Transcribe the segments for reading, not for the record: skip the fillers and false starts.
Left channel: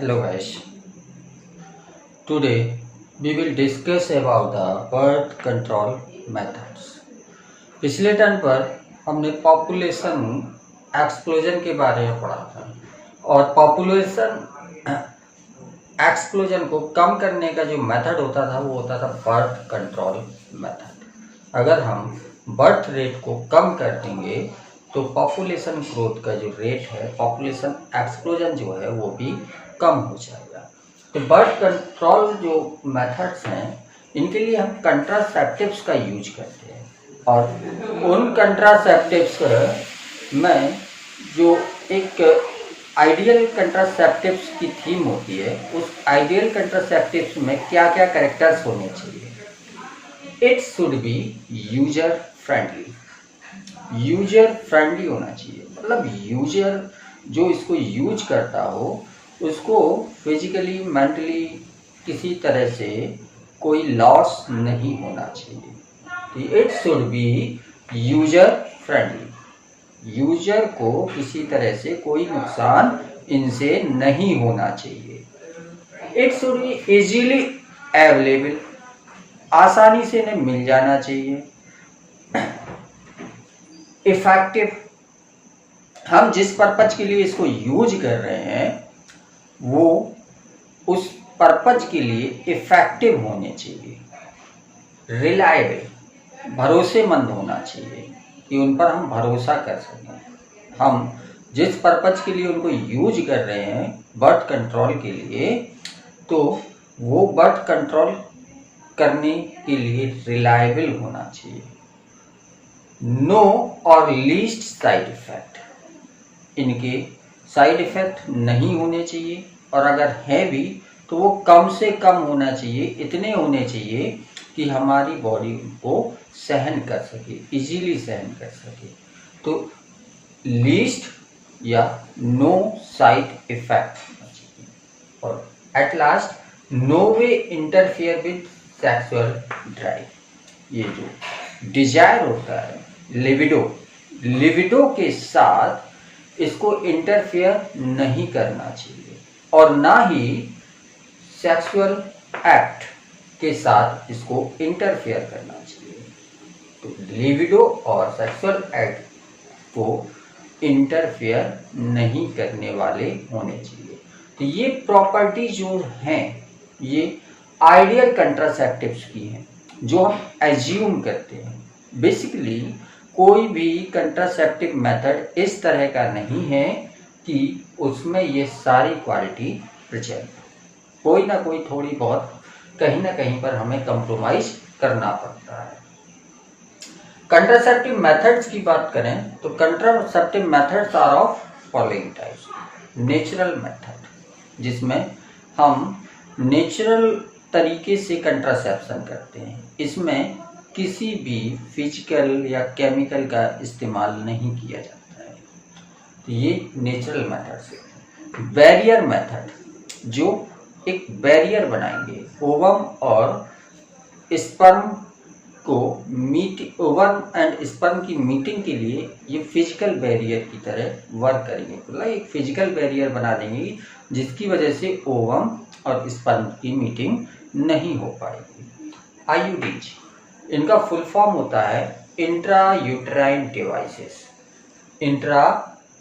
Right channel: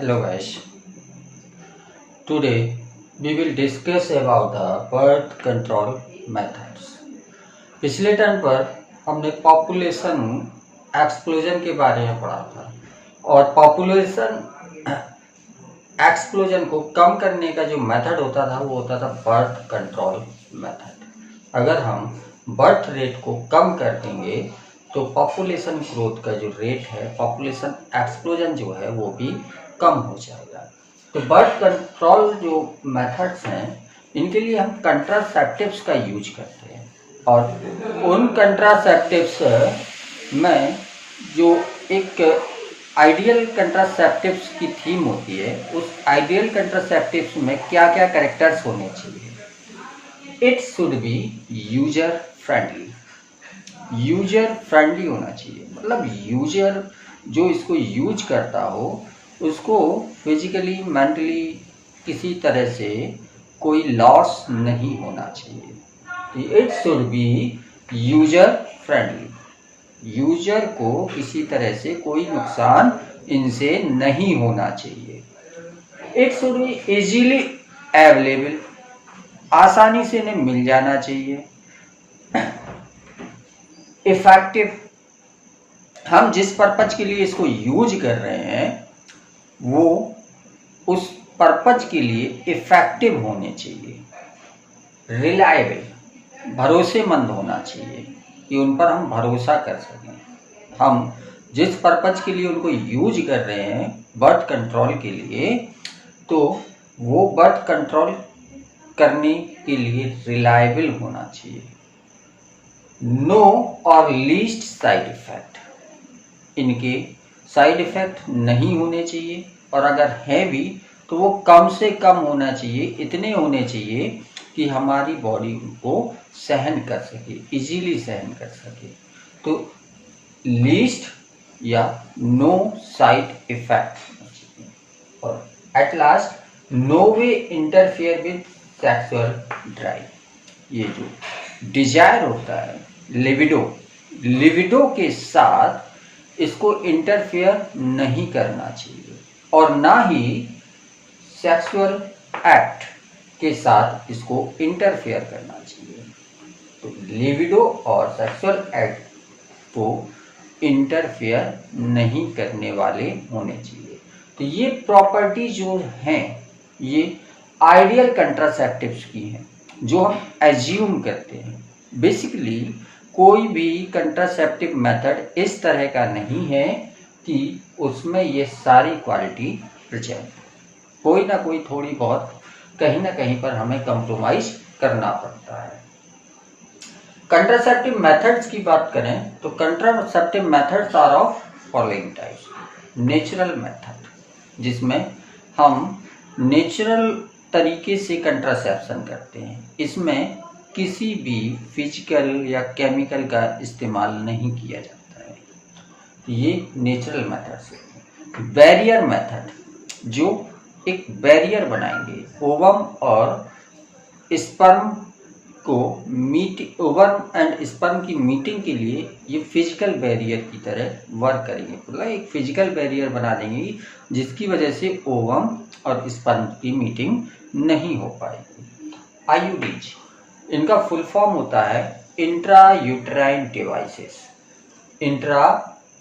Hello guys. Today we will discuss about the birth control methods. पिछले term पर हमने population explosion के बारे में पढ़ा था और पॉपुलेशन एक्सप्लोजन को कम करने का जो मेथड होता था वो होता था बर्थ कंट्रोल मेथड। अगर हम बर्थ रेट को कम कर देंगे तो पॉपुलेशन ग्रोथ का जो रेट है, पॉपुलेशन एक्सप्लोजन जो है वो भी कम हो जाएगा। तो बर्थ कंट्रोल जो मेथड्स हैं इनके लिए हम कंट्रासेप्टिव्स का यूज करते हैं और उन कंट्रासेप्टिव्स में जो एक आइडियल कंट्रासेप्टिव्स की थीम होती है, उस आइडियल कंट्रासेप्टिव्स में क्या क्या कैरेक्टर्स होने चाहिए। It should be user friendly. User friendly होना चाहिए, मतलब यूजर जो इसको यूज करता हो उसको फिजिकली मेंटली किसी तरह से कोई लॉस नहीं होना चाहिए। It should be user friendly. User को किसी तरह से कोई नुकसान इनसे नहीं होना चाहिए। It should be easily available. आसानी से इन्हें मिल जाना चाहिए। इफेक्टिव। हम जिस पर्पज के लिए इसको यूज कर रहे हैं वो उस पर्पज के लिए इफेक्टिव होने चाहिए। रिलायबल, भरोसेमंद होना चाहिए कि उन पर हम भरोसा कर सकें। हम जिस पर्पज के लिए उनको यूज कर रहे हैं बर्थ कंट्रोल के लिए, तो वो बर्थ कंट्रोल करने के लिए रिलायबल होना चाहिए। नो और लीस्ट साइड इफेक्ट। इनके साइड इफेक्ट नहीं होने चाहिए और अगर है भी तो वो कम से कम होना चाहिए। इतने होने चाहिए कि हमारी बॉडी उनको सहन कर सके, इजीली सहन कर सके। तो लीस्ट या नो साइड इफेक्ट होना चाहिए। और at last, no way interfere with sexual drive. ये जो डिजायर होता है, लिबिडो के साथ इसको इंटरफेयर नहीं करना चाहिए और ना ही सेक्सुअल एक्ट के साथ इसको इंटरफेयर करना चाहिए। तो लिबिडो और सेक्सुअल एक्ट को इंटरफेयर नहीं करने वाले होने चाहिए। तो ये प्रॉपर्टी जो हैं ये आइडियल कंट्रासेप्टिव्स की हैं जो हम एज्यूम करते हैं। बेसिकली कोई भी कंट्रासेप्टिव मेथड इस तरह का नहीं है कि उसमें ये सारी क्वालिटी प्रेजेंट। कोई ना कोई थोड़ी बहुत कहीं ना कहीं पर हमें कंप्रोमाइज करना पड़ता है। कंट्रासेप्टिव मेथड्स की बात करें तो contraceptive methods are of following types. Natural method, जिसमें हम नेचुरल तरीके से कंट्रासेप्शन करते हैं। इसमें किसी भी फिजिकल या केमिकल का इस्तेमाल नहीं किया जाता है। तो ये नेचुरल मेथड है। बैरियर मेथड, जो एक बैरियर बनाएंगे ओवम और स्पर्म को ओवम एंड स्पर्म की मीटिंग के लिए, ये फिजिकल बैरियर की तरह वर्क करेंगे। मतलब एक फिजिकल बैरियर बना देंगे जिसकी वजह से ओवम और स्पर्म की मीटिंग नहीं हो पाएगी। आईयूडीज, इनका फुल फॉर्म होता है intra uterine devices. Intra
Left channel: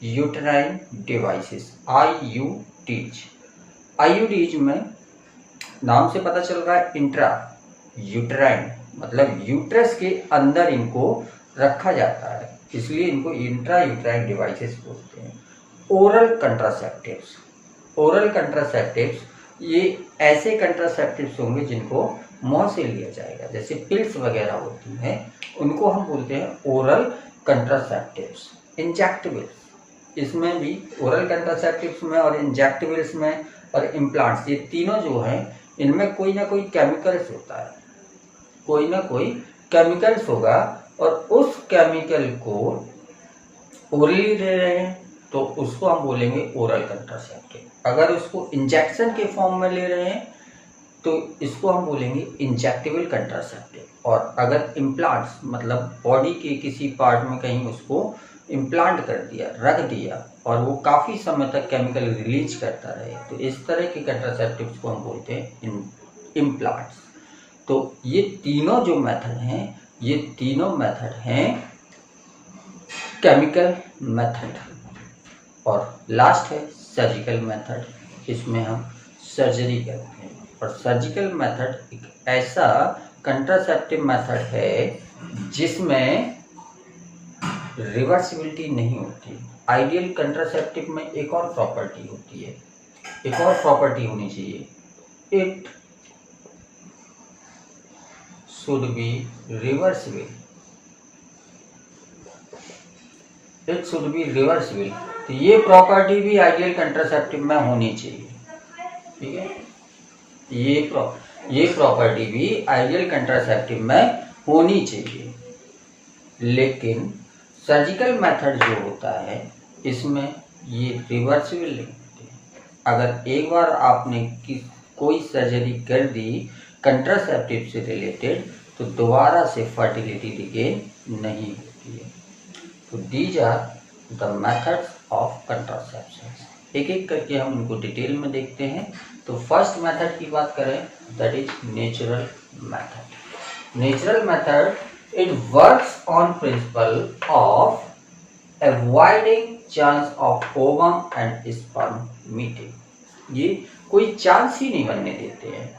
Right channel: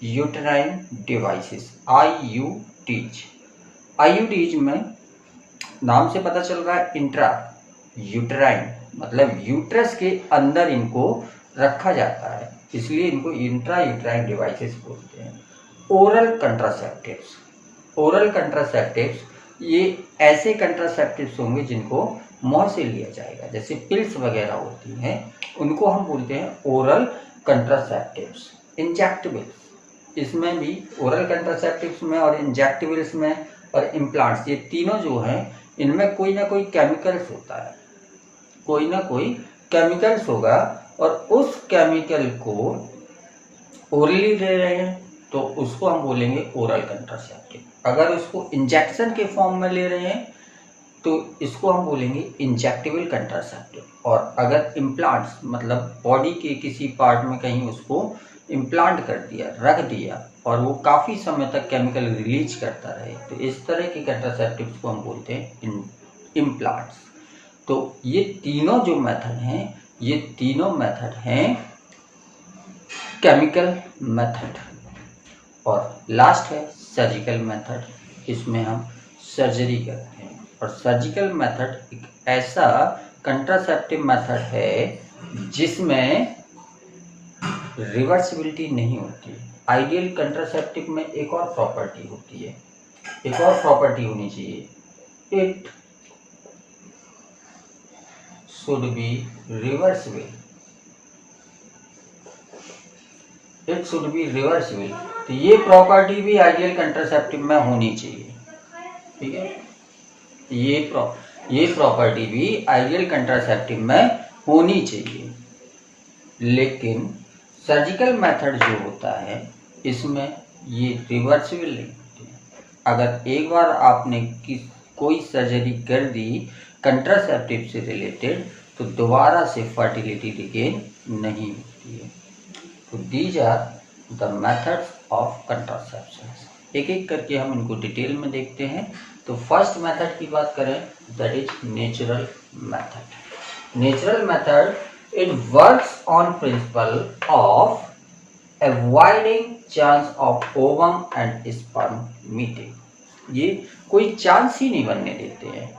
uterine devices, IUDs. IUDs में नाम से पता चल रहा है इंट्रा यूट्राइन, मतलब यूट्रस के अंदर इनको रखा जाता है, इसलिए इनको इंट्रा यूट्राइन डिवाइसेस बोलते हैं। ओरल कंट्रासेप्टिव्स। ओरल कंट्रासेप्टिव्स ये ऐसे कंट्रासेप्टिव्स होंगे जिनको मुंह से लिया जाएगा, जैसे पिल्स वगैरह होती हैं, उनको हम बोलते हैं ओरल कंट्रासेप्टिव्स। इंजेक्टेबल्स, इसमें भी ओरल कंट्रासेप्टिव्स में और इंजेक्टेबल्स में और इम्प्लांट्स, ये तीनों जो हैं इनमें कोई ना कोई केमिकल्स होता है, कोई ना कोई केमिकल्स होगा और उस केमिकल को ओरली ले रहे हैं तो उसको हम बोलेंगे ओरल कंट्रासेप्टिव। अगर उसको इंजेक्शन के फॉर्म में ले रहे हैं तो इसको हम बोलेंगे इंजेक्टेबल कंट्रासेप्टिव। और अगर इम्प्लांट्स, मतलब बॉडी के किसी पार्ट में कहीं उसको इम्प्लांट कर दिया, रख दिया, और वो काफ़ी समय तक केमिकल रिलीज करता रहे, तो इस तरह के कंट्रासेप्टिव्स को हम बोलते हैं इम्प्लांट्स। तो ये तीनों जो मेथड हैं, ये तीनों मेथड हैं केमिकल मेथड। और लास्ट है सर्जिकल मेथड, इसमें हम सर्जरी करते हैं। और सर्जिकल मेथड एक ऐसा कंट्रासेप्टिव मेथड है जिसमें रिवर्सिबिलिटी नहीं होती। आइडियल कंट्रासेप्टिव में एक और प्रॉपर्टी होती है, एक और प्रॉपर्टी होनी चाहिए, it should be reversible, it should be reversible. तो ये प्रॉपर्टी भी आइडियल कंट्रासेप्टिव में होनी चाहिए, ठीक है। ये प्रॉपर्टी भी आइडियल कंट्रासेप्टिव में होनी चाहिए। लेकिन सर्जिकल मेथड जो होता है इसमें ये रिवर्सिबल नहीं होती है। अगर एक बार आपने कोई सर्जरी कर दी कंट्रासेप्टिव से रिलेटेड, तो दोबारा से फर्टिलिटी रिगेन नहीं होती है। तो these are the methods of contraception. एक एक करके हम उनको डिटेल में देखते हैं। तो फर्स्ट मेथड की बात करें, that is natural method. Natural method, it works on principle of avoiding chance of ovum and sperm meeting। ये कोई चांस ही नहीं बनने देते हैं,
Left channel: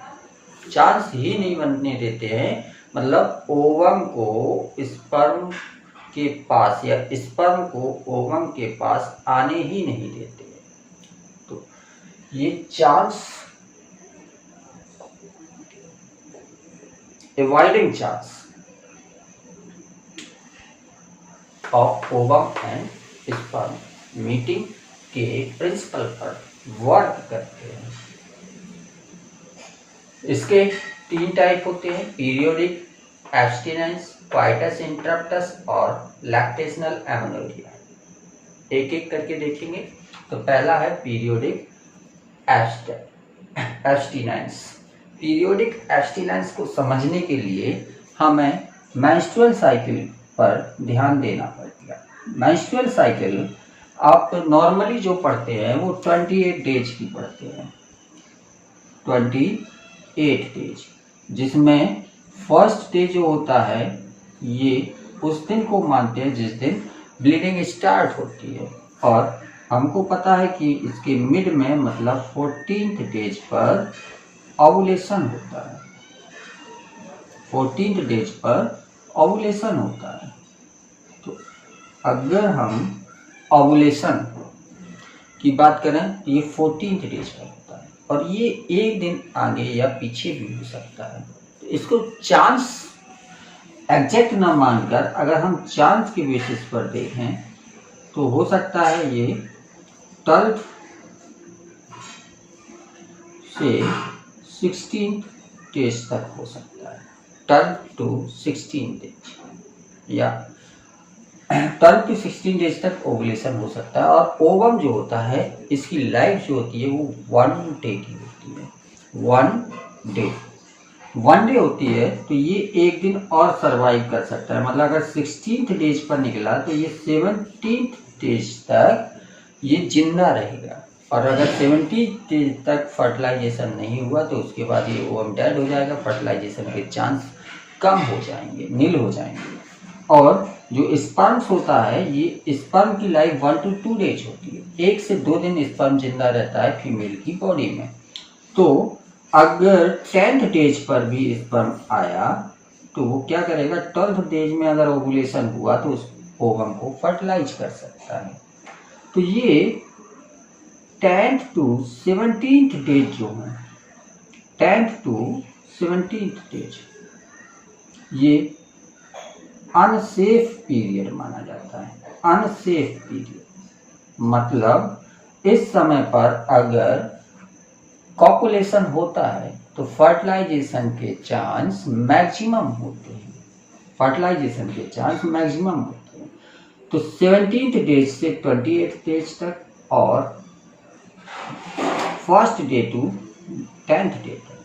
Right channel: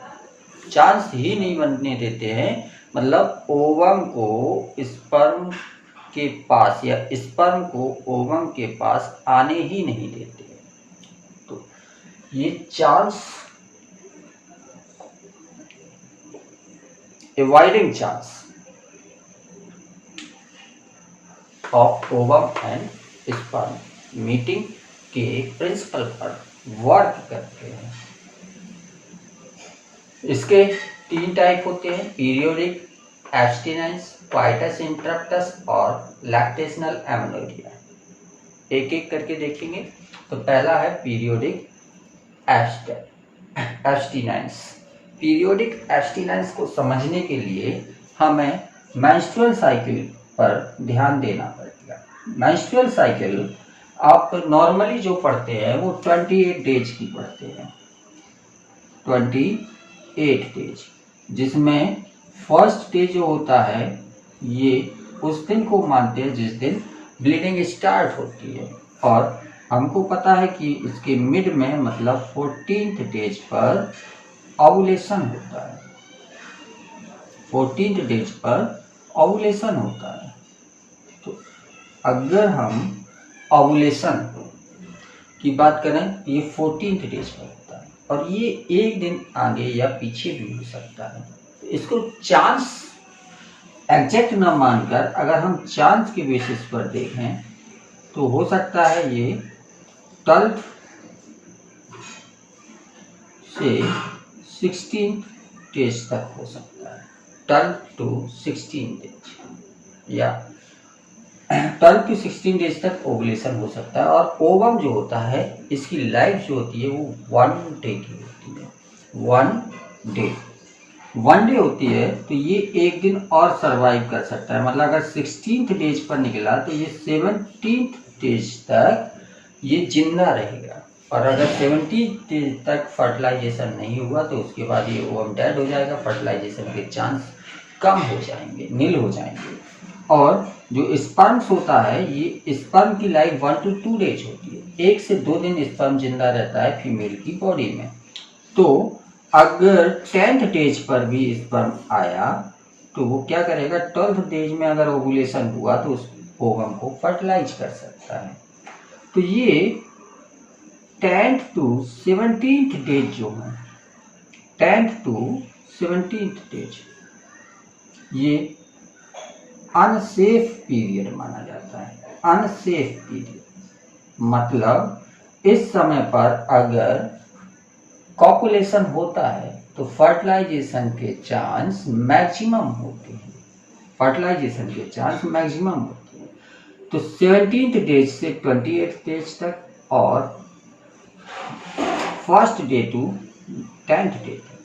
चांस ही नहीं बनने देते हैं, मतलब ओवम को स्पर्म के पास या स्पर्म को ओवम के पास आने ही नहीं देते हैं। तो ये chance, avoiding chance of ovum and sperm meeting के प्रिंसिपल पर वर्क करते हैं। इसके 3 टाइप होते हैं, पीरियोडिक, एब्स्टिनेंस, कोइटस इंटरप्टस और लैक्टेशनल एमेनोरिया। एक एक करके देखेंगे। तो पहला है पीरियोडिक एब्स्टिनेंस। पीरियोडिक एब्स्टिनेंस को समझने के लिए हमें मेंस्ट्रुअल साइकिल पर ध्यान देना पड़ेगा। मेंस्ट्रुअल साइकिल आप नॉर्मली जो पढ़ते हैं वो 28 डेज की पढ़ते हैं, 28 डेज, जिसमें फर्स्ट डे जो होता है ये उस दिन को मानते हैं जिस दिन ब्लीडिंग स्टार्ट होती है। और हमको पता है कि इसके मिड में मतलब 14th डेज पर ओवुलेशन होता है, 14th डेज पर ओवुलेशन होता है। तो अगर हम ओवुलेशन की बात करें तो ये 14th डेज पर होता है, और ये एक दिन आगे या पीछे भी हो सकता है। तो इसको चांस एग्जैक्ट ना मानकर अगर हम चांस के बेसिस पर देखें तो हो सकता है ये 12 से 16 डेज तक हो सकता है, 12 to 16 डेज या 12 to 16 डेज तक ओवुलेशन हो सकता है। और ओवम जो होता है इसकी लाइफ जो होती है वो 1 डे की होती है, 1 डे होती है। तो ये एक दिन और सरवाइव कर सकता है, मतलब अगर 16th डेज पर निकला तो ये 17th डेज तक ये जिंदा रहेगा। और अगर 17th डेज तक फर्टिलाइजेशन नहीं हुआ तो उसके बाद ये ओवम डेड हो जाएगा, फर्टिलाइजेशन के चांस कम हो जाएंगे, नील हो जाएंगे। और जो स्पर्म्स होता है ये स्पर्म की लाइफ 1 to 2 डेज होती है, 1 से 2 दिन स्पर्म जिंदा रहता है फीमेल की बॉडी में। तो अगर 10th डेज पर भी स्पर्म आया तो वो क्या करेगा, 12th डेज में अगर ओवुलेशन हुआ तो उस ओवम को फर्टिलाइज कर सकता है। तो ये 10th to 17th डेज जो है, 10th to 17th डेज ये अनसेफ पीरियड माना जाता है। अनसेफ पीरियड मतलब इस समय पर अगर कॉपुलेशन होता है तो फर्टिलाइजेशन के चांस मैक्सिमम होते हैं, फर्टिलाइजेशन के चांस मैक्सिमम होते हैं। तो 17th डेज से 28th डेज तक और first day to 10th day तक,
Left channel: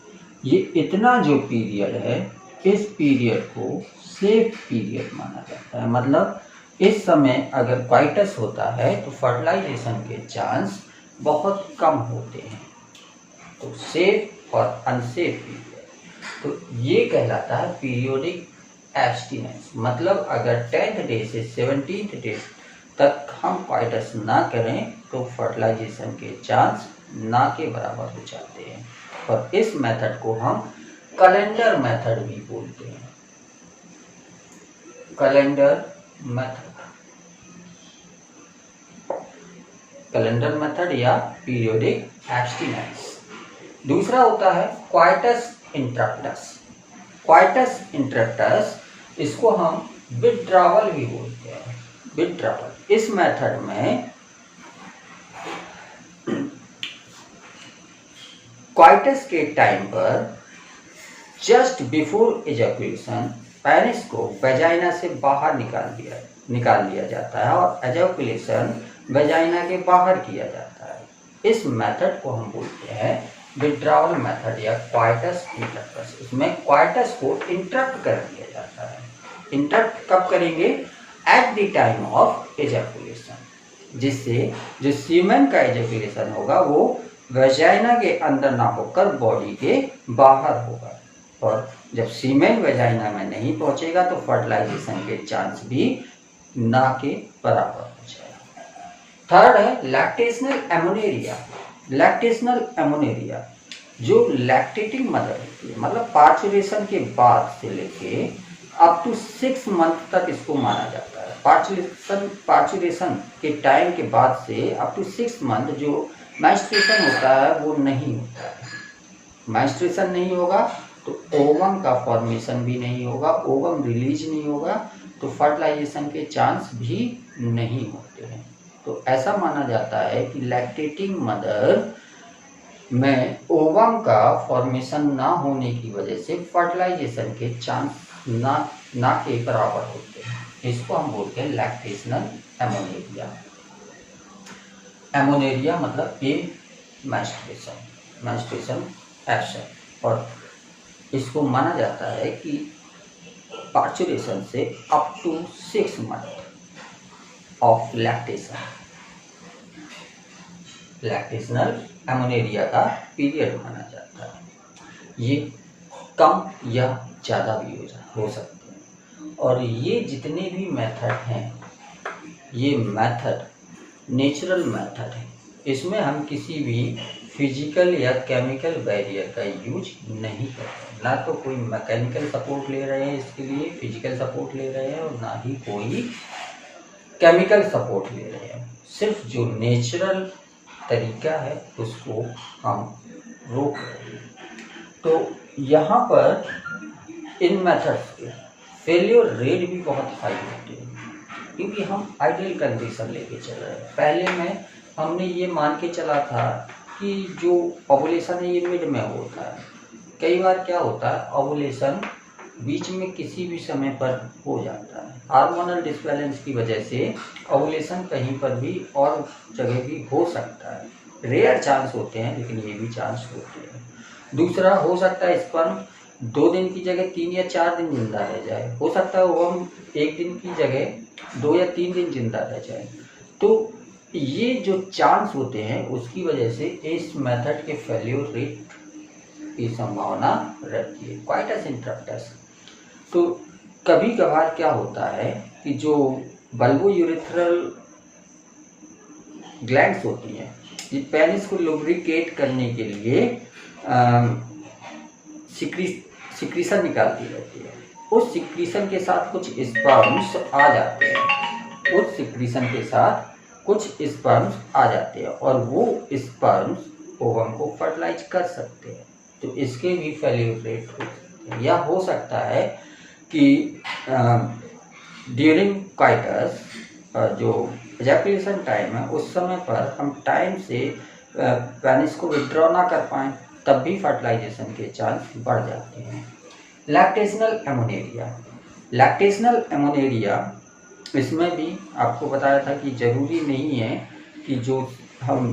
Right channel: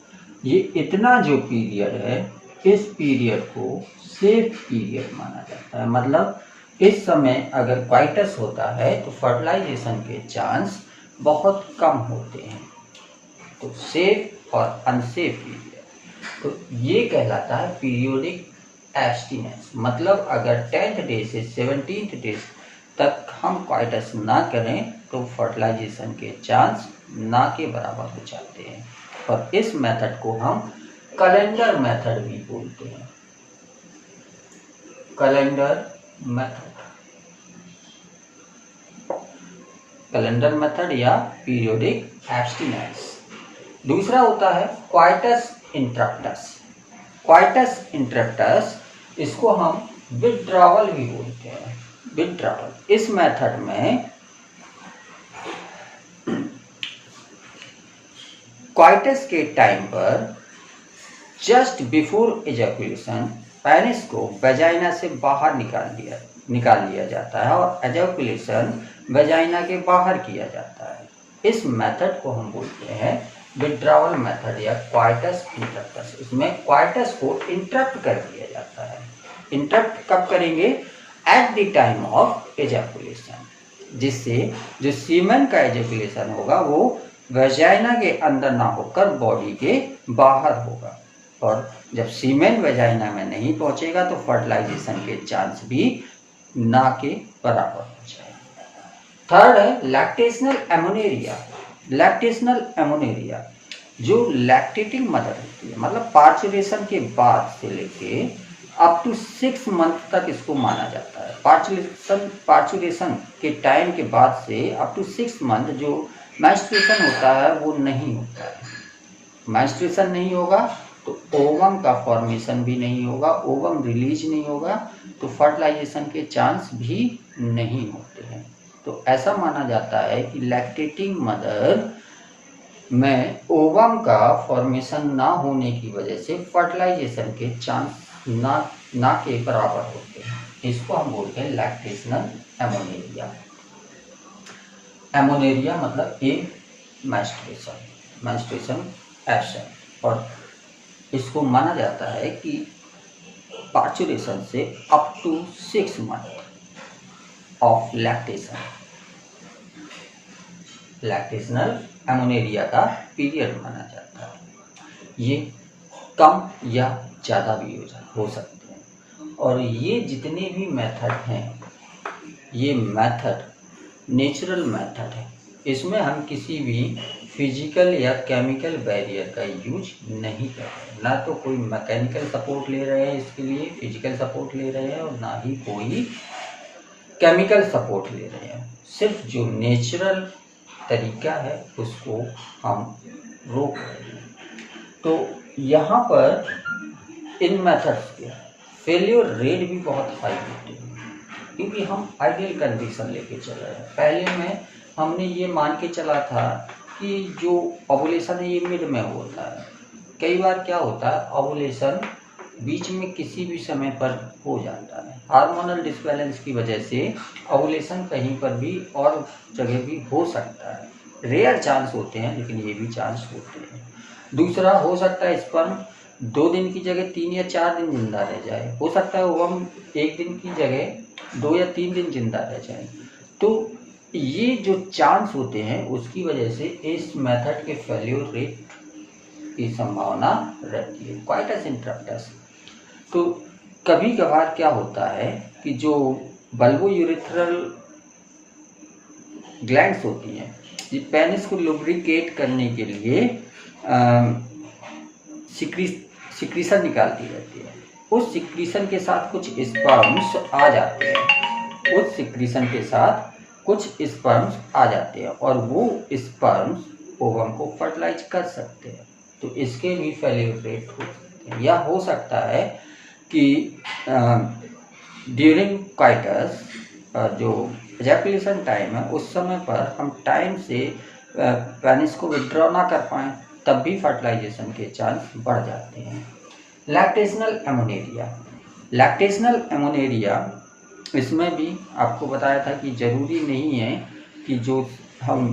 ये इतना जो पीरियड है इस पीरियड को सेफ पीरियड माना जाता है। मतलब इस समय अगर क्वाइटस होता है तो फर्टिलाइजेशन के चांस बहुत कम होते हैं। तो सेफ और अनसेफ पीरियड, तो ये कहलाता है पीरियोडिक एब्स्टिनेंस। मतलब अगर 10th डे से 17th डे तक हम क्वाइटस ना करें तो फर्टिलाइजेशन के चांस ना के बराबर हो जाते हैं। और इस मेथड को हम कैलेंडर मेथड भी बोलते हैं। कैलेंडर मेथड, कैलेंडर मेथड या पीरियोडिक एब्स्टिनेंस। दूसरा होता है क्वाइटस इंटरप्टस। क्वाइटस इंटरप्टस, इसको हम विथड्रॉवल भी बोलते हैं। विथड्रॉवल, इस मेथड में क्वाइटस के टाइम पर जस्ट बिफोर एजैकुलेशन पेनिस को वेजाइना से बाहर निकाल लिया जाता है और एजैकुलेशन वेजाइना के बाहर किया जाता है। इस मेथड को हम बोलते हैं विथड्रॉवल मेथड या क्वाइटस इंटरप्टस। इसमें क्वाइटस को इंटरप्ट कर दिया जाता है। इंटरप्ट कब करेंगे? At the time of ejaculation, जिससे जो सीमेन का एजैकुलेशन होगा वो वेजाइना के अंदर ना होकर बॉडी के बाहर होगा। और जब सीमेन वेजाइना में नहीं पहुंचेगा तो फर्टिलाइजेशन के चांस भी ना के बराबर हो जाएगा। थर्ड है लैक्टेशनल एमोनेरिया। लैक्टेशनल एमोनेरिया, जो लैक्टेटिंग मदर होती है, मतलब पार्चुरेशन के बाद से लेके अप टू 6 मंथ तक इसको माना जाता है। पार्चुरेशन के टाइम के बाद से अप टू 6 मंथ जो मेंस्ट्रुएशन होता है वो नहीं होता है। मेंस्ट्रुएशन नहीं होगा तो ओवम का फॉर्मेशन भी नहीं होगा, ओवम रिलीज नहीं होगा, तो फर्टिलाइजेशन के चांस भी नहीं होते हैं। तो ऐसा माना जाता है कि लैक्टेटिंग मदर में ओवम का फॉर्मेशन ना होने की वजह से फर्टिलाइजेशन के चांस ना के बराबर होते हैं। इसको हम बोलते हैं लैक्टेशनल एमोनेरिया। एमोनेरिया मतलब ए मेंस्ट्रुएशन एब्सेंट। और इसको माना जाता है कि पार्चुरेशन से up to 6 month of lactational amenorrhea का पीरियड माना जाता है। ये कम या ज़्यादा भी हो सकते हैं। और ये जितने भी मेथड हैं, ये मेथड नेचुरल मेथड है। इसमें हम किसी भी फिजिकल या केमिकल बैरियर का यूज नहीं कर रहे हैं। ना तो कोई मैकेनिकल सपोर्ट ले रहे हैं इसके लिए, फिजिकल सपोर्ट ले रहे हैं, और ना ही कोई केमिकल सपोर्ट ले रहे हैं। सिर्फ जो नेचुरल तरीका है उसको हम रोक रहे हैं। तो यहाँ पर इन मेथड्स के फेलियर रेट भी बहुत हाई होते हैं, क्योंकि हम आइडियल कंडीशन लेके चल रहे हैं। पहले में हमने ये मान के चला था कि जो ओवुलेशन है ये मिड में होता है। कई बार क्या होता है, ओवुलेशन बीच में किसी भी समय पर हो जाता है। हार्मोनल डिसबैलेंस की वजह से ओवुलेशन कहीं पर भी और जगह भी हो सकता है। रेयर चांस होते हैं, लेकिन ये भी चांस होते हैं। दूसरा, हो सकता है स्पर्म 2 दिन की जगह 3 या 4 दिन जिंदा रह जाए। हो सकता है ओवम 1 दिन की जगह 2 या 3 दिन जिंदा रह जाए। तो ये जो चांस होते हैं उसकी वजह से इस मेथड के फेल्योर रेट की संभावना रहती है। क्वाइटस इंटरप्टस, तो कभी कभार क्या होता है कि जो बल्बोयूरेथ्रल ग्लैंड्स होती हैं, ये पेनिस को लुब्रिकेट करने के लिए सिक्रीशन निकालती रहती है। उस सिक्रीशन के साथ कुछ स्पर्म्स आ जाते हैं। उस सिक्रीशन के साथ कुछ स्पर्म्स आ जाते हैं और वो स्पर्म्स ओवम को फर्टिलाइज कर सकते हैं। तो इसके भी फेल्योर रेट हो सकते हैं। या हो सकता है कि ड्यूरिंग क्वाइटस जो एजैकुलेशन टाइम है उस समय पर हम टाइम से पेनिस को विथड्रॉ ना कर पाएँ, तब भी फर्टिलाइजेशन के चांस बढ़ जाते हैं। लैक्टेशनल एमोनेरिया, लैक्टेशनल एमोनेरिया, इसमें भी आपको बताया था कि ज़रूरी नहीं है कि जो हम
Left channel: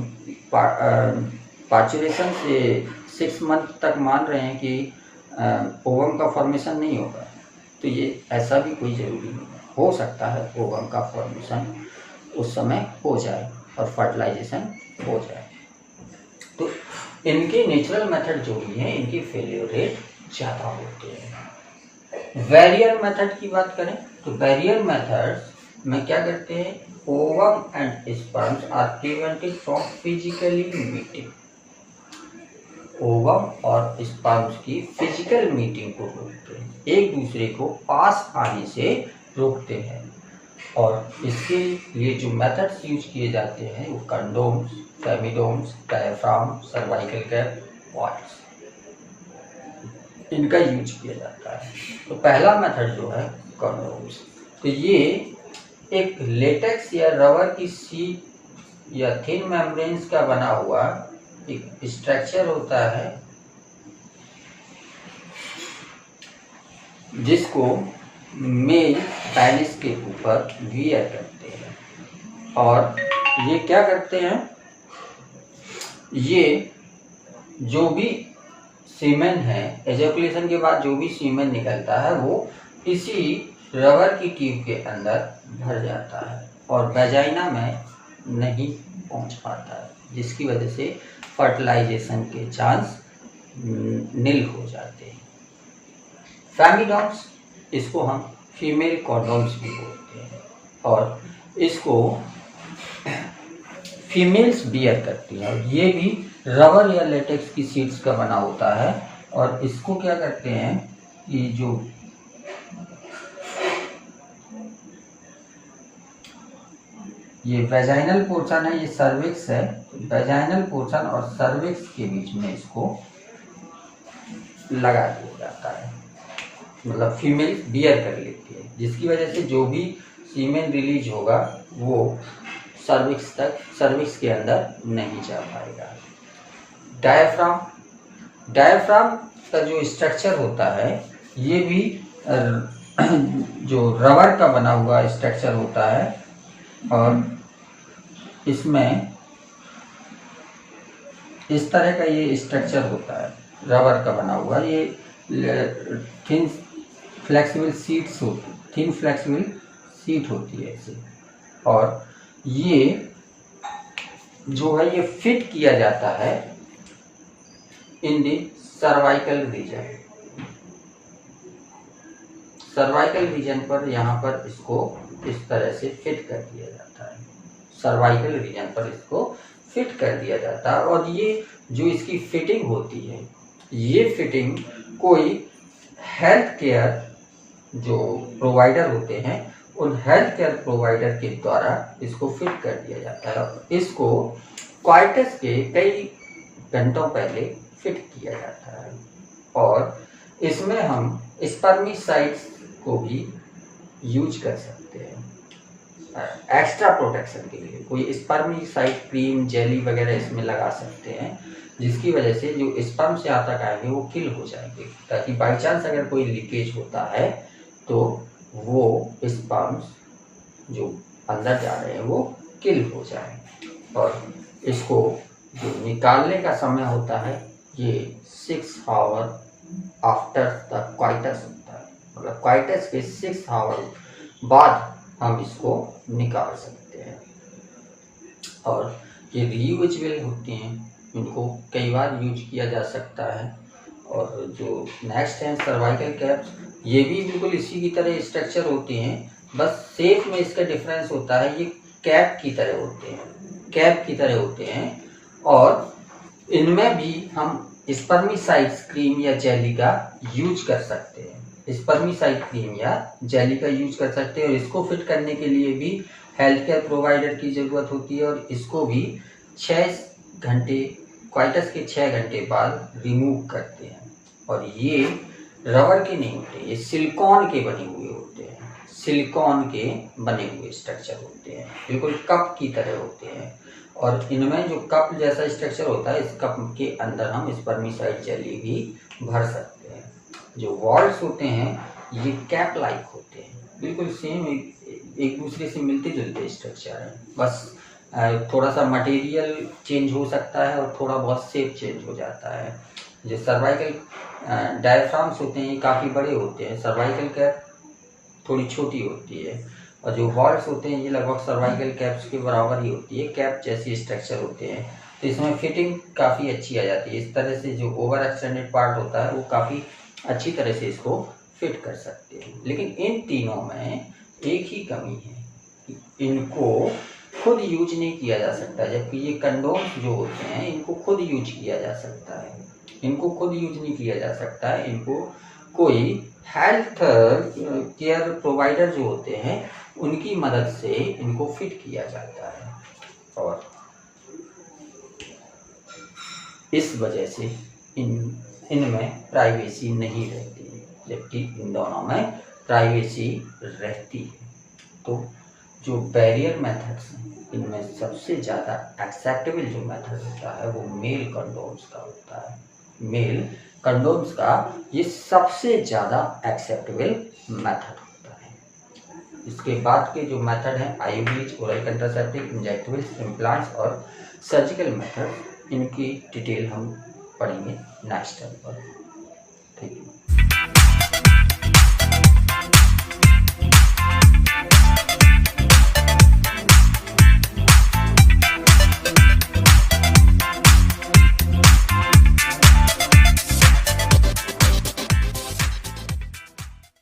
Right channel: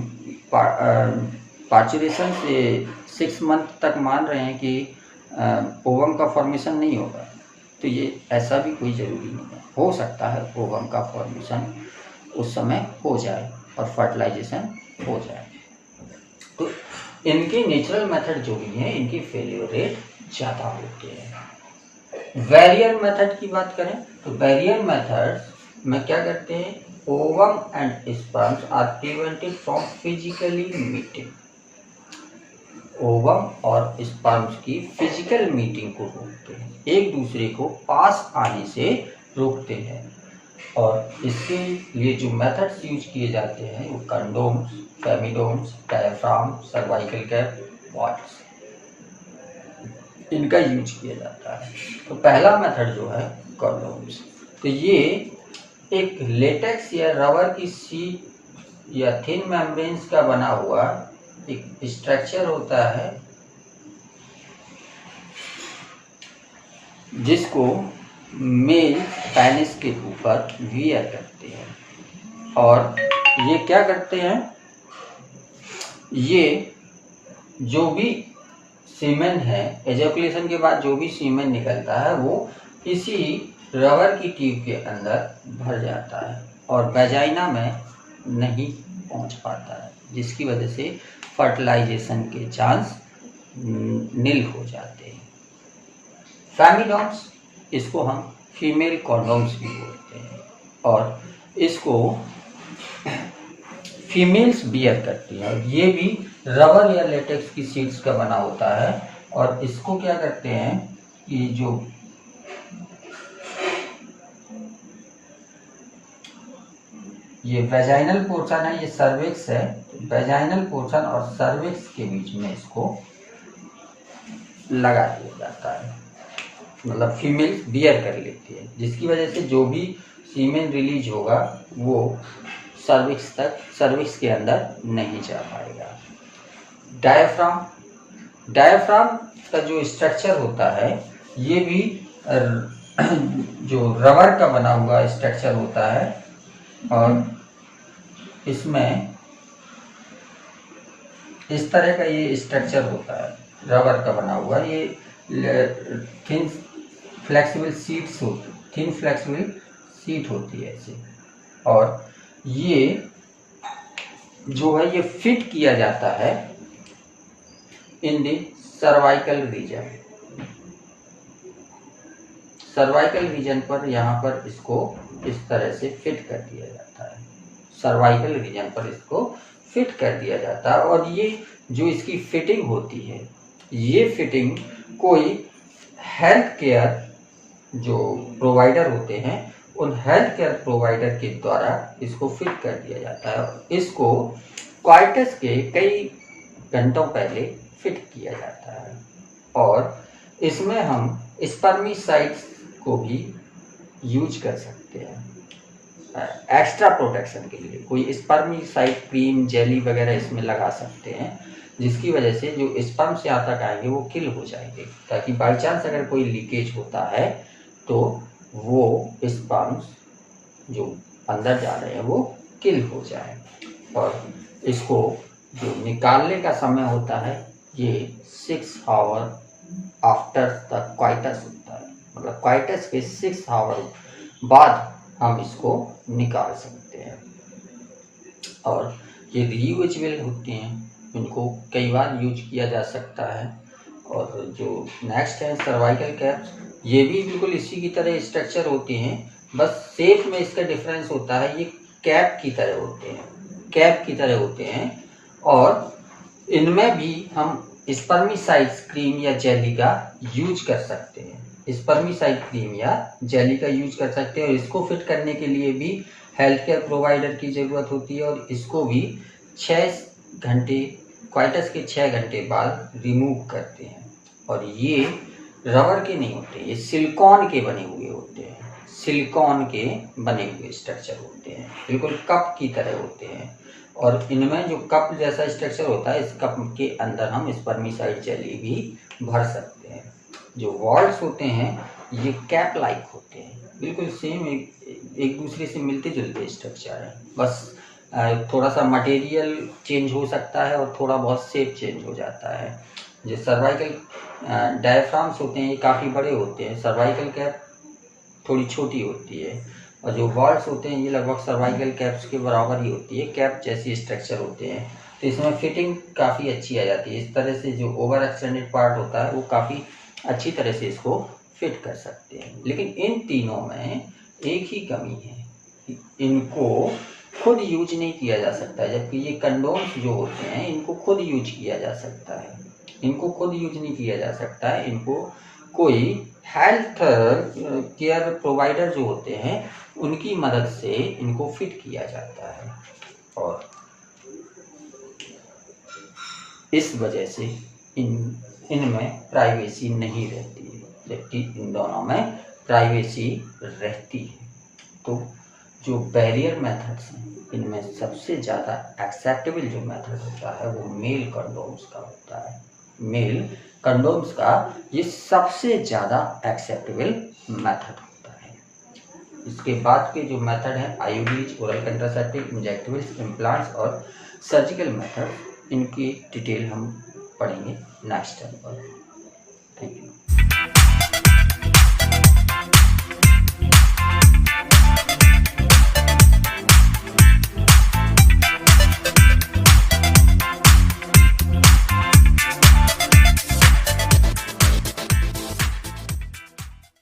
पार्चुरेशन से 6 मंथ तक मान रहे हैं कि ओवम का फॉर्मेशन नहीं होगा। तो ये ऐसा भी कोई ज़रूरी नहीं है, हो सकता है ओवम का फॉर्मेशन उस समय हो जाए और फर्टिलाइजेशन हो जाए। तो इनके नेचुरल मेथड जो भी हैं इनकी फेलियर रेट ज़्यादा होते हैं। बैरियर मेथड की बात करें तो बैरियर मेथड में क्या करते हैं, ovum and sperms are prevented from physically meeting. Ovum और स्पर्म्स की फिजिकल मीटिंग को रोकते हैं, एक दूसरे को पास आने से रोकते हैं। और इसके लिए जो मेथड्स यूज किए जाते हैं वो condoms, femidoms, diaphragm, cervical cap, वॉट्स, इनका यूज किया जाता है। तो पहला मेथड जो है कंडोम्स, तो ये एक लेटेक्स या रबर की शीट या थिन मेम्ब्रेन्स का बना हुआ एक स्ट्रक्चर होता है जिसको मेल पेनिस के ऊपर वियर करते हैं। और ये क्या करते हैं, ये जो भी सीमेन है, एजैकुलेशन के बाद जो भी सीमेन निकलता है वो इसी रबर की ट्यूब के अंदर भर जाता है और वेजाइना में नहीं पहुंच पाता है, जिसकी वजह से फर्टिलाइजेशन के चांस नील हो जाते हैं। फेमिडॉम्स, इसको हम फीमेल कॉन्डोम्स भी बोलते हैं और इसको फीमेल्स बियर करती हैं। और ये भी रबर या लेटेक्स की शीट्स का बना होता है और इसको क्या करते हैं कि जो ये वेजाइनल पोर्शन है, ये सर्विक्स है, वेजाइनल पोर्शन और सर्विक्स के बीच में इसको लगा दिया जाता है, मतलब फीमेल बियर कर लेती है, जिसकी वजह से जो भी सीमेन रिलीज होगा वो सर्विक्स के अंदर नहीं जा पाएगा। डायफ्राम का जो स्ट्रक्चर होता है ये भी जो रबर का बना हुआ स्ट्रक्चर होता है और इसमें इस तरह का ये स्ट्रक्चर होता है, रबर का बना हुआ, ये थिन फ्लेक्सिबल सीट होती है ऐसे। और ये जो है ये फिट किया जाता है इन दी सर्वाइकल रीजन पर, यहाँ पर इसको इस तरह से फिट कर दिया जाता है, सर्वाइकल रीजन पर इसको फिट कर दिया जाता है। और ये जो इसकी फिटिंग होती है, ये फिटिंग कोई हेल्थ केयर जो प्रोवाइडर होते हैं उन हेल्थ केयर प्रोवाइडर के द्वारा इसको फिट कर दिया जाता है। इसको क्वाइटस के कई घंटों पहले फिट किया जाता है और इसमें हम स्पर्मिसाइड्स को भी यूज कर सकते हैं एक्स्ट्रा प्रोटेक्शन के लिए। कोई स्पर्मिसाइड क्रीम, जेली वगैरह इसमें लगा सकते हैं, जिसकी वजह से जो स्पर्म्स यहाँ तक आएंगे वो किल हो जाएंगे, ताकि बाई चांस अगर कोई लीकेज होता है तो वो स्पर्म्स जो अंदर जा रहे हैं वो किल हो जाए। और इसको जो निकालने का समय होता है ये 6 आवर आफ्टर द क्वाइटस होता है, मतलब क्वाइटस के 6 आवर बाद हम इसको निकाल सकते हैं। और ये रीयूजेबल होते हैं, इनको कई बार यूज किया जा सकता है। और जो नेक्स्ट है सर्वाइकल कैप्स, ये भी बिल्कुल इसी की तरह स्ट्रक्चर होती हैं, बस शेप में इसका डिफरेंस होता है। ये कैप की तरह होते हैं और इनमें भी हम स्पर्मिसाइड्स क्रीम या जेली का यूज कर सकते हैं, स्पर्मिसाइड क्रीम या जेली का यूज कर सकते हैं। और इसको फिट करने के लिए भी हेल्थ केयर प्रोवाइडर की ज़रूरत होती है और इसको भी 6 घंटे, क्वाइटस के 6 घंटे बाद रिमूव करते हैं। और ये रबर के नहीं होते, ये सिलिकॉन के बने हुए होते हैं, सिलिकॉन के बने हुए स्ट्रक्चर होते हैं, बिल्कुल कप की तरह होते हैं। और इनमें जो कप जैसा स्ट्रक्चर होता है, इस कप के अंदर हम स्पर्मिसाइड जेली भी भर सकते हैं। जो वॉल्स होते हैं ये कैप लाइक होते हैं, बिल्कुल सेम एक दूसरे से मिलते जुलते स्ट्रक्चर है, बस थोड़ा सा मटेरियल चेंज हो सकता है और थोड़ा बहुत शेप चेंज हो जाता है। जो सर्वाइकल डायफ्राम्स होते हैं ये काफ़ी बड़े होते हैं, सर्वाइकल कैप थोड़ी छोटी होती है, और जो वॉल्स होते हैं ये लगभग सर्वाइकल कैप्स के बराबर ही होती है, कैप जैसी स्ट्रक्चर होते हैं। तो इसमें फिटिंग काफ़ी अच्छी आ जाती है। इस तरह से जो ओवर एक्सटेंडेड पार्ट होता है वो काफ़ी अच्छी तरह से इसको फिट कर सकते हैं। लेकिन इन तीनों में एक ही कमी है, इनको खुद यूज नहीं किया जा सकता, जबकि ये कंडोम्स जो होते हैं इनको खुद यूज किया जा सकता है। इनको खुद यूज नहीं किया जा सकता है, इनको कोई हेल्थ केयर प्रोवाइडर जो होते हैं उनकी मदद से इनको फिट किया जाता है, और इस वजह से इनमें प्राइवेसी नहीं रहती है, जबकि इन दोनों में प्राइवेसी रहती है। तो जो बैरियर मेथड्स हैं इनमें सबसे ज़्यादा एक्सेप्टेबल जो मेथड होता है वो मेल कंडोम्स का होता है। मेल कंडोम्स का ये सबसे ज़्यादा एक्सेप्टेबल मेथड होता है। इसके बाद के जो मेथड हैं IUDs, oral contraceptive, injectables, implants और सर्जिकल मेथड, इनकी डिटेल हम पढ़ेंगे नेक्स्ट टाइम पर।